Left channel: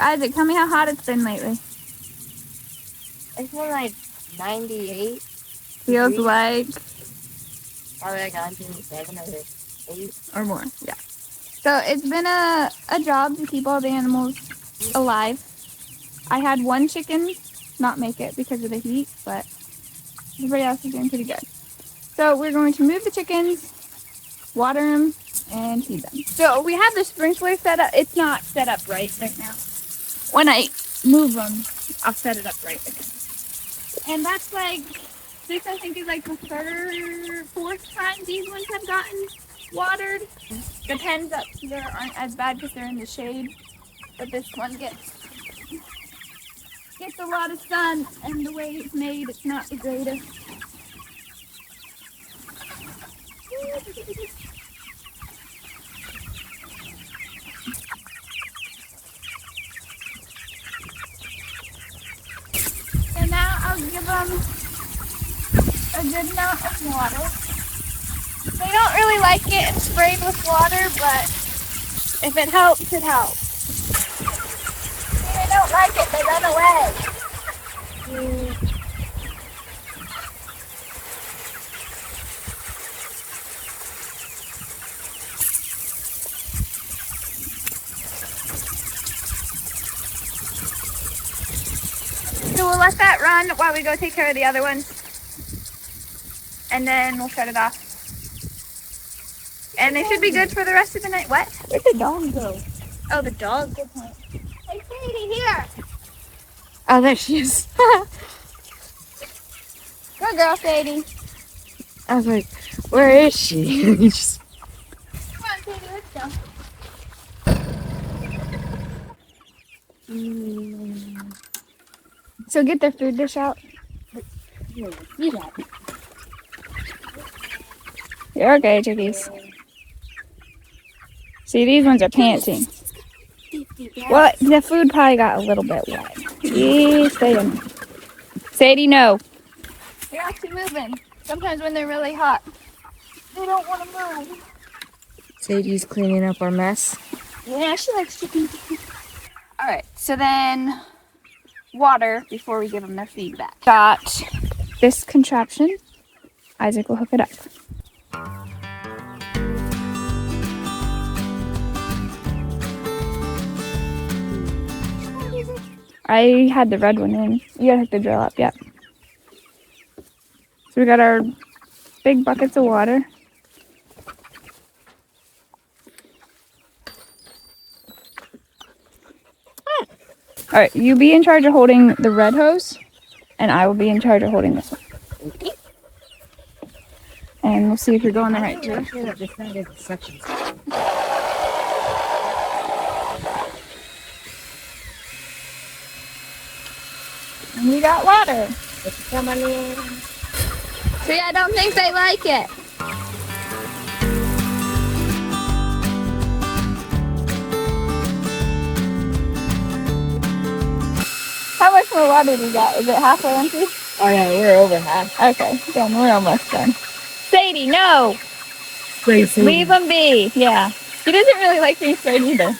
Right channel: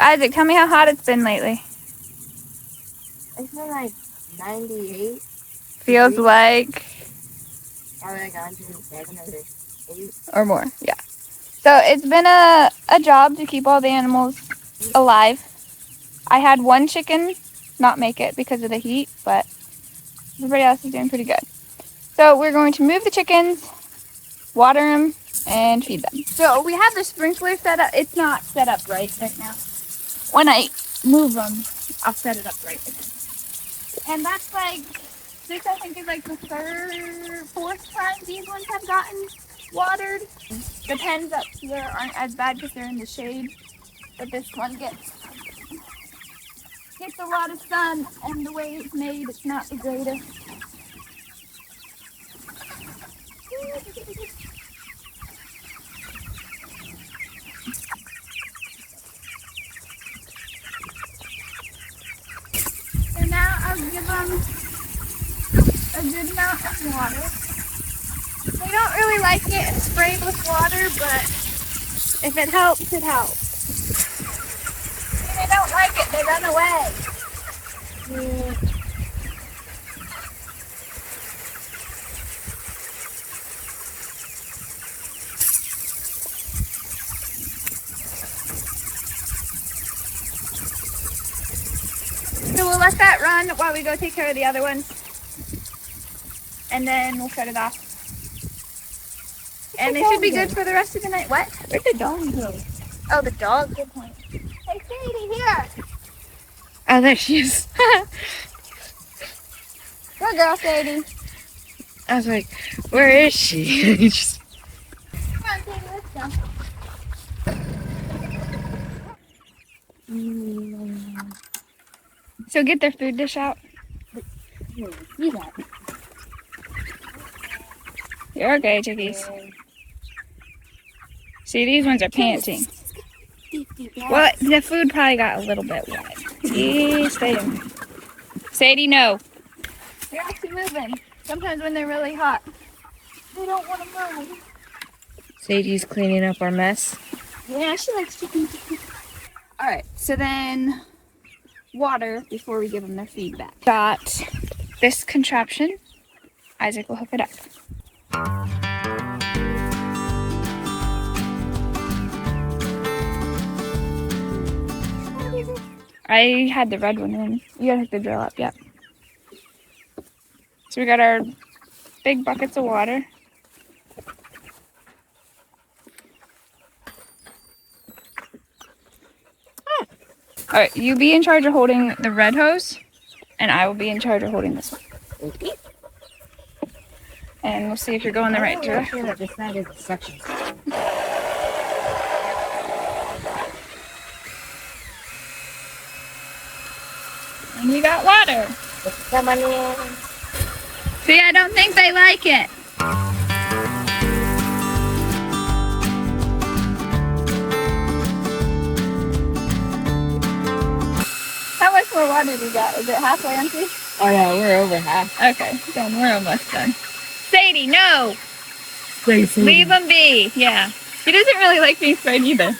Isaac, tell me how hot it's been lately. It's been like 98. Feels degrees. like... Probably like 107 or 8. Or more, yeah. So it's been a job to keep all the animals alive. I had one chicken not make it because of the heat, but everybody else is doing pretty good. So we're going to move the chickens, water them, and feed them. So we have the sprinkler set up. It's not set up right now. When I move them, I'll set it up right. And that's like, this I think is like the fourth time these ones have gotten watered. The pens up here aren't as bad because they're in the shade, but this one gets a lot of sun, and the way it's made, it's not the greatest. So now I'll give them a good amount of water. They don't really like getting sprayed with water, but if it helps, it helps. If they don't like it, they run away. So we'll let that run while we go take care of the other ones. And then we'll shut it off. And they should be good for the rest of the night. What? Where'd the dog go? Oh, the dog. Hey, Sadie, here. Oh, there she is. Go, girl, Sadie. I was like, where is she? Just... Come on, Sadie, let's go. So get their food dish out. You got it. You're okay, chickies. See, these ones are panting. Well, the food probably got a little bit wet. Stay in. Sadie, no. They're actually moving. Sometimes when they're really hot, they don't want to move. Sadie's cleaning up our mess. Yeah, she likes chickens. All right, so then water before we give them their feedback. Got this contraption. Isaac will hook it up. I had the red one in. You gotta hook the drill up, yeah. So we got our big buckets of water. All right, you be in charge of holding the red hose, and I will be in charge of holding this one. Okay. And we'll see if you're going the right direction. This side is the suction. And we got water. Come on in. See, I don't think they like it. How much more water do we got? Is it halfway empty? Oh yeah, we're over half. Okay, then we're almost done. Sadie, no! Crazy. Leave them be. Yeah. She doesn't really like being sprayed either.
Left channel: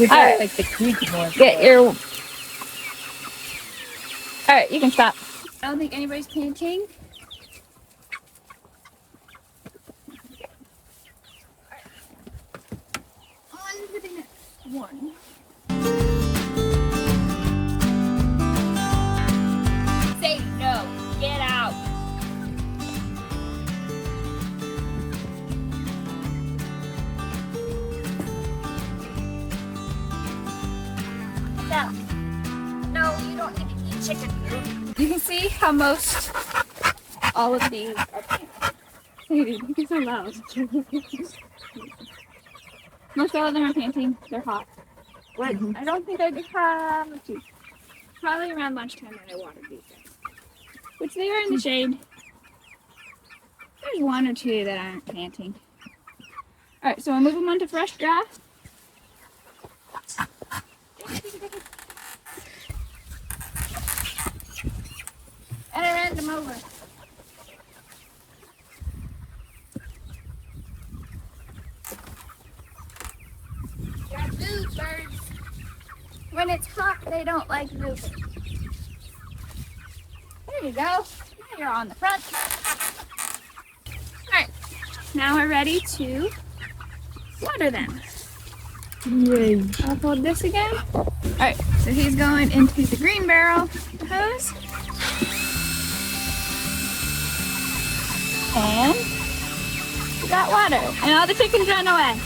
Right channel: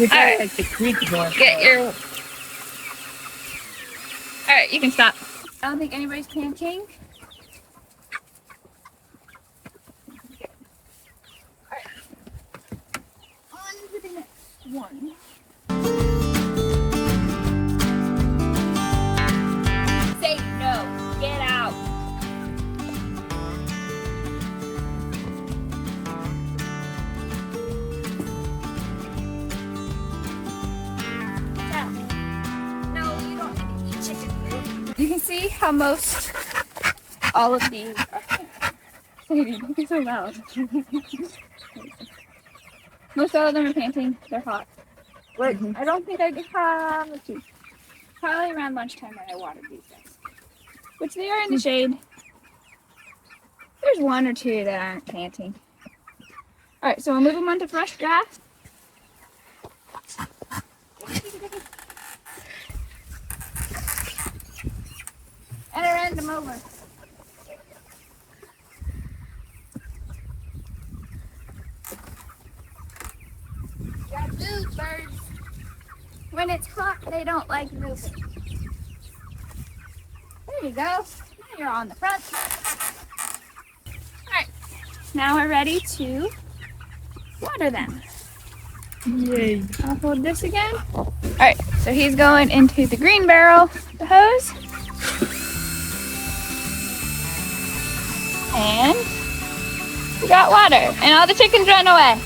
All right. like the creek one. Get your... Alright, you can stop. I don't think anybody's panting. On to the next one. Say no. Get out. No, you don't need to eat chicken food. You can see how most all of these are panting. Sadie, you're so loud. Most all of them are panting. They're hot. But I don't think I have. Let's see. Probably around lunchtime when I watered these guys. Which they are in the shade. There's one or two that aren't panting. Alright, so we'll move them onto fresh grass. And I ran them over. Move, birds. When it's hot, they don't like moving. There you go. Now you're on the front. Alright, now we're ready to water them. Yay. I'll hold this again. Alright, so he's going into the green barrel, the hose. And we got water. And all the chickens run away.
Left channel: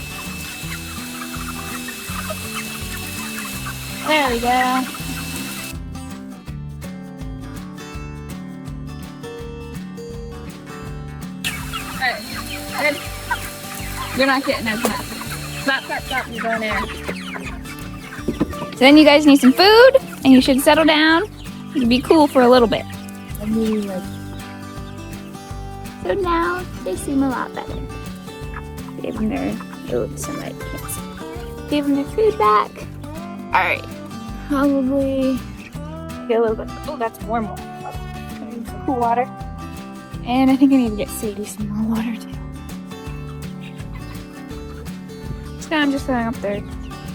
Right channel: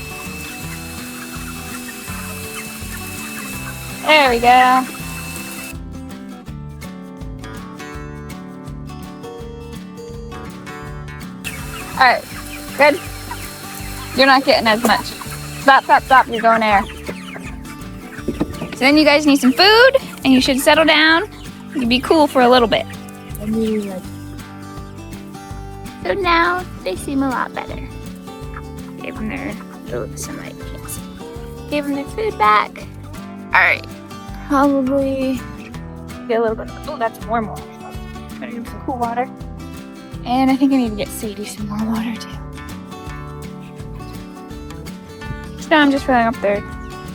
There we go. Alright, good. You're not getting as much. Stop, stop, stop. You're going there. So then you guys need some food, and you should settle down. You'd be cool for a little bit. I mean, like, So now they seem a lot better. Gave them their sunlight. Gave them their food back. Alright. Probably get a little bit. Oh, that's warm water. Gonna give them some cool water. And I think I need to get Sadie some more water too. So now I'm just filling up their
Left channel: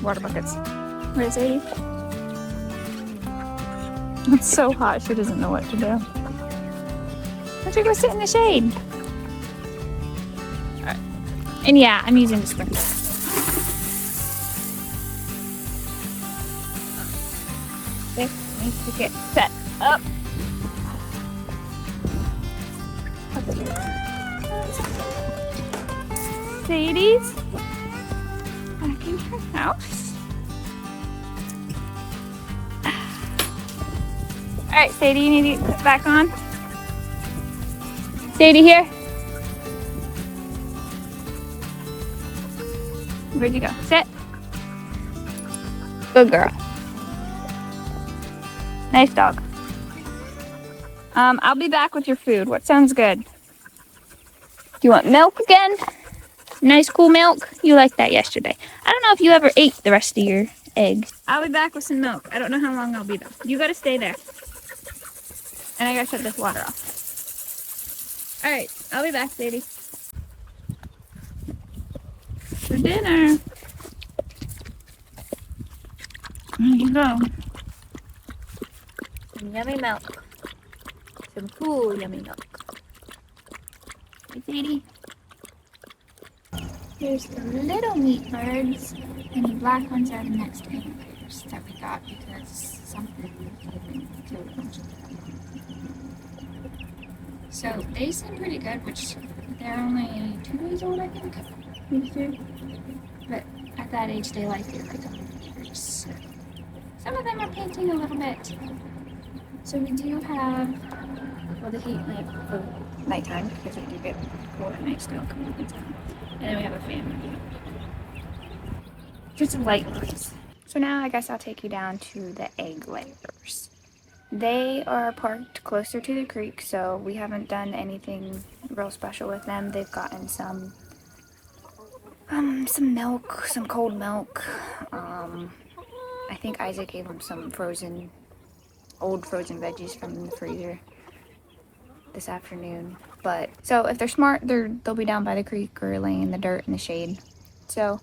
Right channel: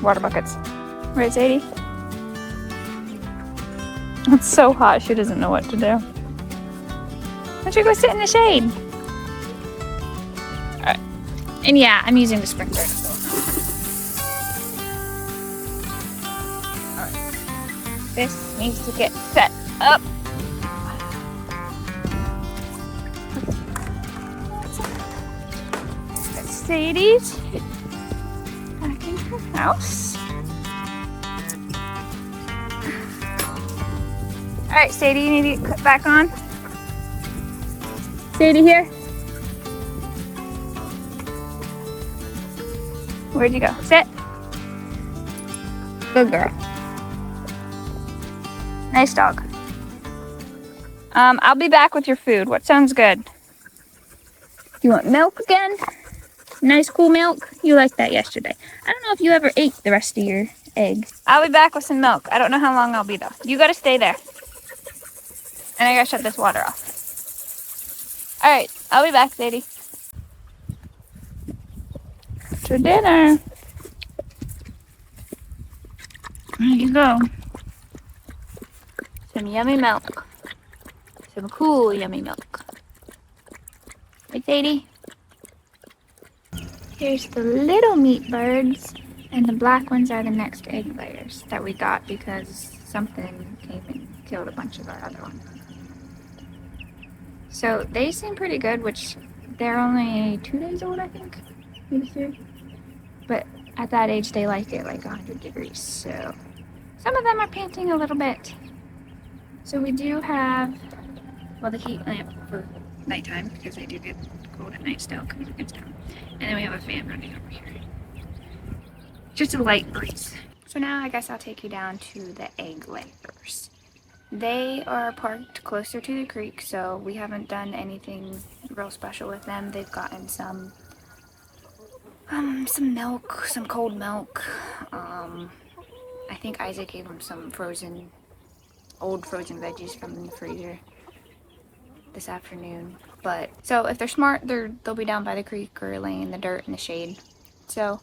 water buckets. Right, Sadie? It's so hot, she doesn't know what to do. Why don't you go sit in the shade? Alright. And yeah, I'm using the sprinkler. Alright. This needs to get set up. Sadie's back in her house. Alright, Sadie, you need to put back on. Sadie here. Where'd you go? Sit. Good girl. Nice dog. I'll be back with your food. What sounds good? Do you want milk again? Nice cool milk? You liked that yesterday. I don't know if you ever ate the rest of your eggs. I'll be back with some milk. I don't know how long I'll be though. You gotta stay there. And I gotta shut this water off. Alright, I'll be back, Sadie. For dinner. There you go. Some yummy milk. Some cool yummy milk. Right, Sadie? Here's the little meat birds, and the black ones are the next egg layers that we got because something came and killed a bunch of our other ones. So they seem pretty good, which they're only 2 days old, I think, maybe 3. But at that age, they like it like 100 degrees. So some of them are panting a little bit. So we do have, well, the heat lamp for nighttime because they do get cold at night still because it gets down. And then we have a fan running over here. Just a light breeze. So now I guess I'll take you down to the egg layers. They are parked closer to the creek, so we haven't done anything real special with them. They've gotten some milk, some cold milk. I think Isaac gave them some old frozen veggies from the freezer this afternoon. But so if they're smart, they'll be down by the creek or laying in the dirt in the shade. So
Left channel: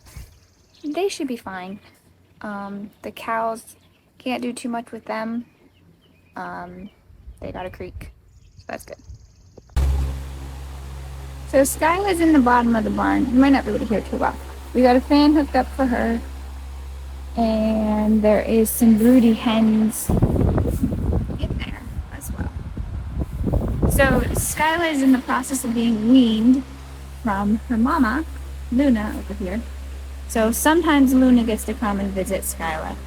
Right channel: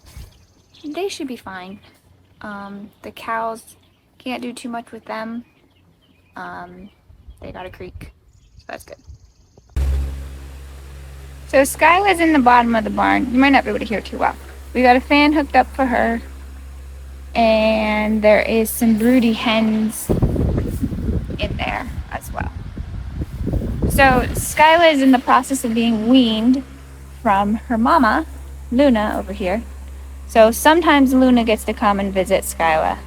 they should be fine. The cows, can't do too much with them. They got a creek, so that's good. So Skyla's in the bottom of the barn. You might not be able to hear too well. We got a fan hooked up for her, and there is some broody hens in there as well. So Skyla is in the process of being weaned from her mama, Luna, over here. So sometimes Luna gets to come and visit Skyla.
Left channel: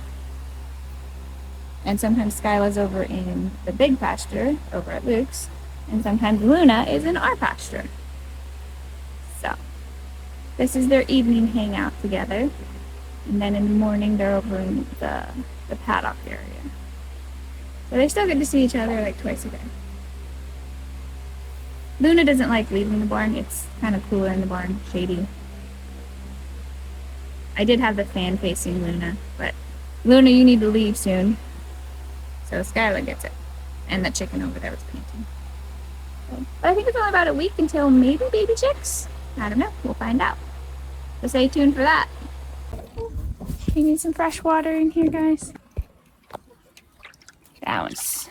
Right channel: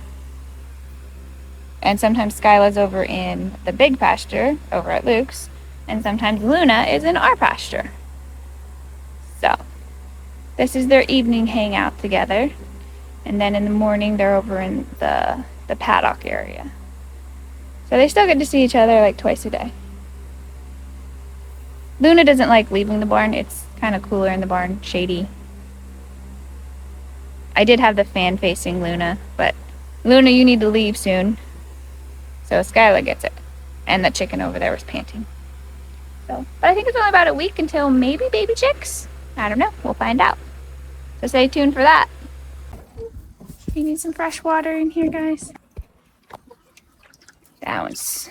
And sometimes Skyla's over in the big pasture over at Luke's. And sometimes Luna is in our pasture. So this is their evening hangout together. And then in the morning they're over in the paddock area. So they still get to see each other like twice a day. Luna doesn't like leaving the barn. It's kind of cooler in the barn, shady. I did have the fan facing Luna, but Luna, you need to leave soon. So Skyla gets it. And the chicken over there was panting. So, but I think it's only about a week until maybe baby chicks. I don't know. We'll find out. So stay tuned for that. You need some fresh water in here, guys. That one's...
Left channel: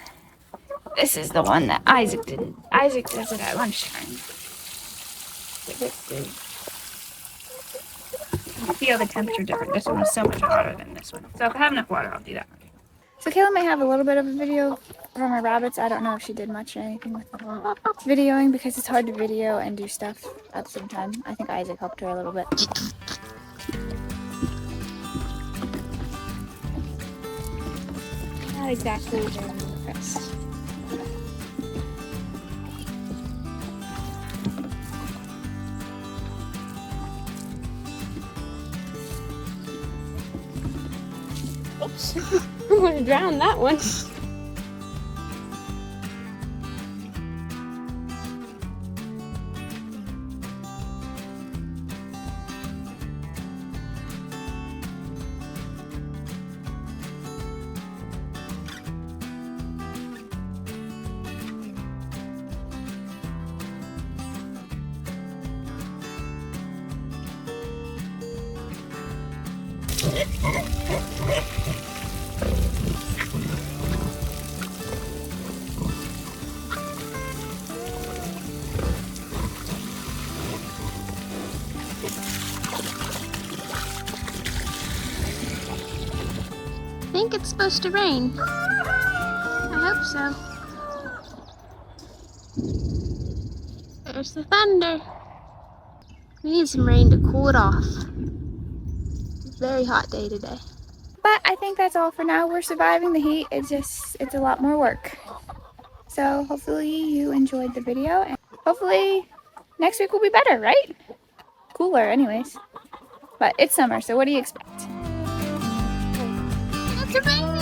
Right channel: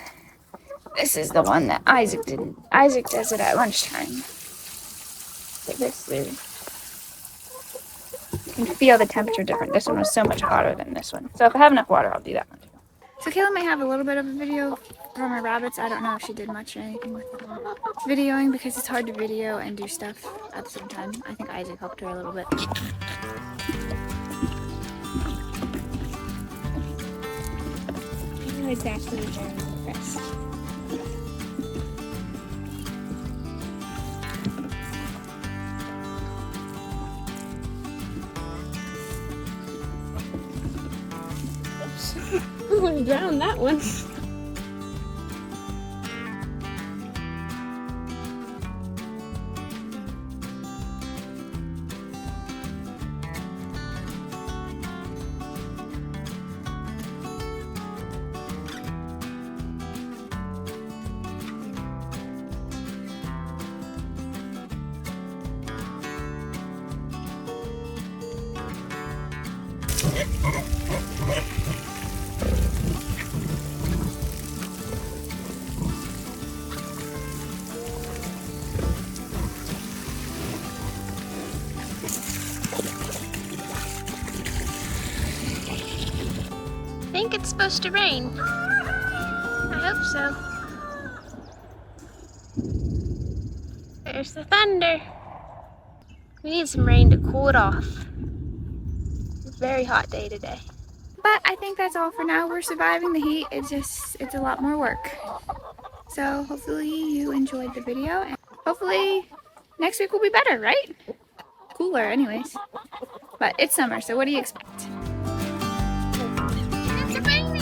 This is the one that Isaac didn't. Isaac does it at lunchtime. But this is... You can feel the temperature different. This one was so much hotter than this one. So if I have enough water, I'll do that one. So Kayla might have a little bit of a video from her rabbits. I don't know if she did much or anything with videoing because it's hard to video and do stuff at the same time. I think Isaac helped her a little bit. Not exactly this. I'm gonna drown that one. I think it's supposed to rain. I hope so. There's the thunder. We need some rain to cool it off. It's a very hot day today. But I think that's all for now. We're surviving the heat. It's a lot more work. So hopefully you enjoyed the video. And hopefully next week will be better, right? Cooler anyways. But it's summer, so what do you expect? It's a rain.